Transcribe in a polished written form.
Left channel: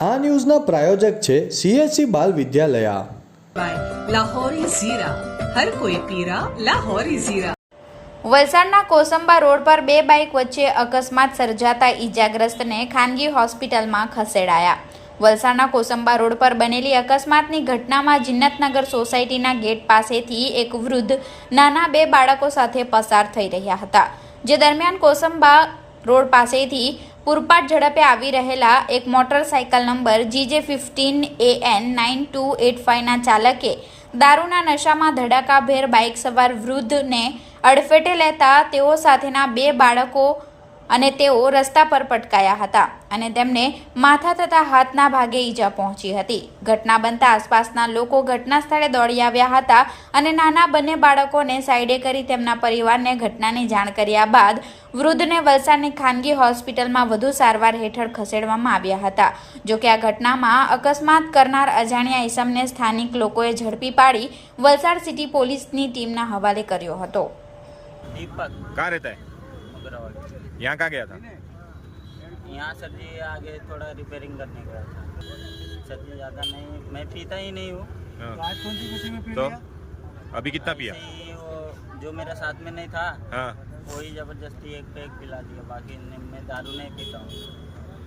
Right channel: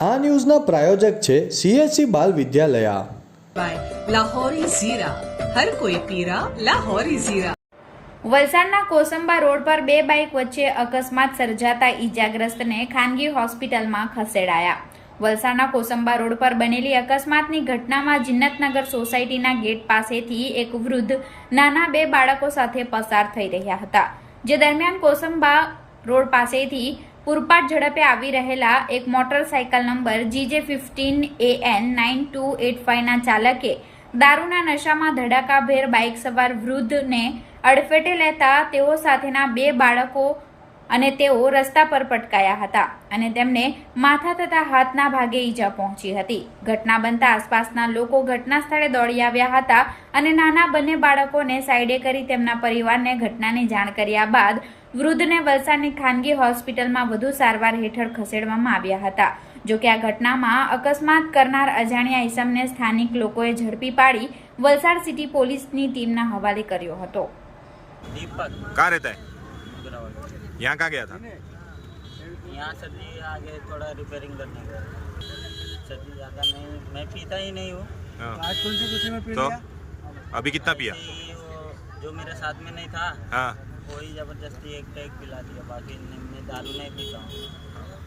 આ ન્યૂઝના પ્રાયોજક છે CSC બાલ વિદ્યાલયા. લાહોરી ઝીરા, હર કોઈ પીરા લાહોરી ઝીરા. વલસાડના કોસંબા રોડ પર બે બાઇક વચ્ચે અકસ્માત સર્જાતા ઈજાગ્રસ્તને ખાનગી હોસ્પિટલમાં ખસેડાયા. વલસાડના કોસંબા રોડ પર બનેલી અકસ્માતની ઘટનામાં જિન્નતનગર સોસાયટીના ગેટ પાસેથી એક વૃદ્ધ નાના બે બાળકો સાથે પસાર થઈ રહ્યા હતા. જે દરમિયાન કોસંબા રોડ પાસેથી પૂરપાટ ઝડપે આવી રહેલા એક મોટરસાયકલ નંબર GJ15AN9285ના ચાલકે દારૂના નશામાં ધડાકાભેર બાઇક સવાર વૃદ્ધને અડફેટે લેતા તેઓ સાથેના બે બાળકો અને તેઓ રસ્તા પર પટકાયા હતા અને તેમને માથા તથા હાથના ભાગે ઈજા પહોંચી હતી. ઘટના બનતા આસપાસના લોકો ઘટના સ્થળે દોડી આવ્યા હતા અને નાના બંને બાળકોને સાઈડે કરી તેમના પરિવારને ઘટનાની જાણ કર્યા બાદ વૃદ્ધને વલસાડની ખાનગી હોસ્પિટલમાં વધુ સારવાર હેઠળ ખસેડવામાં આવ્યા હતા. જોકે આ ઘટનામાં અકસ્માત કરનાર અજાણ્યા ઈસમને સ્થાનિક લોકોએ ઝડપી પાડી વલસાડ સિટી પોલીસની ટીમના હવાલે કર્યો હતો. दीपक कहाँ रहता है? मुगरावाल। यहाँ कहाँ गया था? यहाँ सर जी आगे थोड़ा रिपेयरिंग करने गया था सर जी। ज़्यादा नहीं, मैं पीता ही नहीं हूँ। हाँ। आज कौन सी खुशी में पी तो लिया? अभी कितना पिया? ऐसे ही वो जो मेरे साथ में नहीं था हाँ. वही ज़बरदस्ती एक पैक पिला दिया, बाकी मैं दारू नहीं पीता हूँ।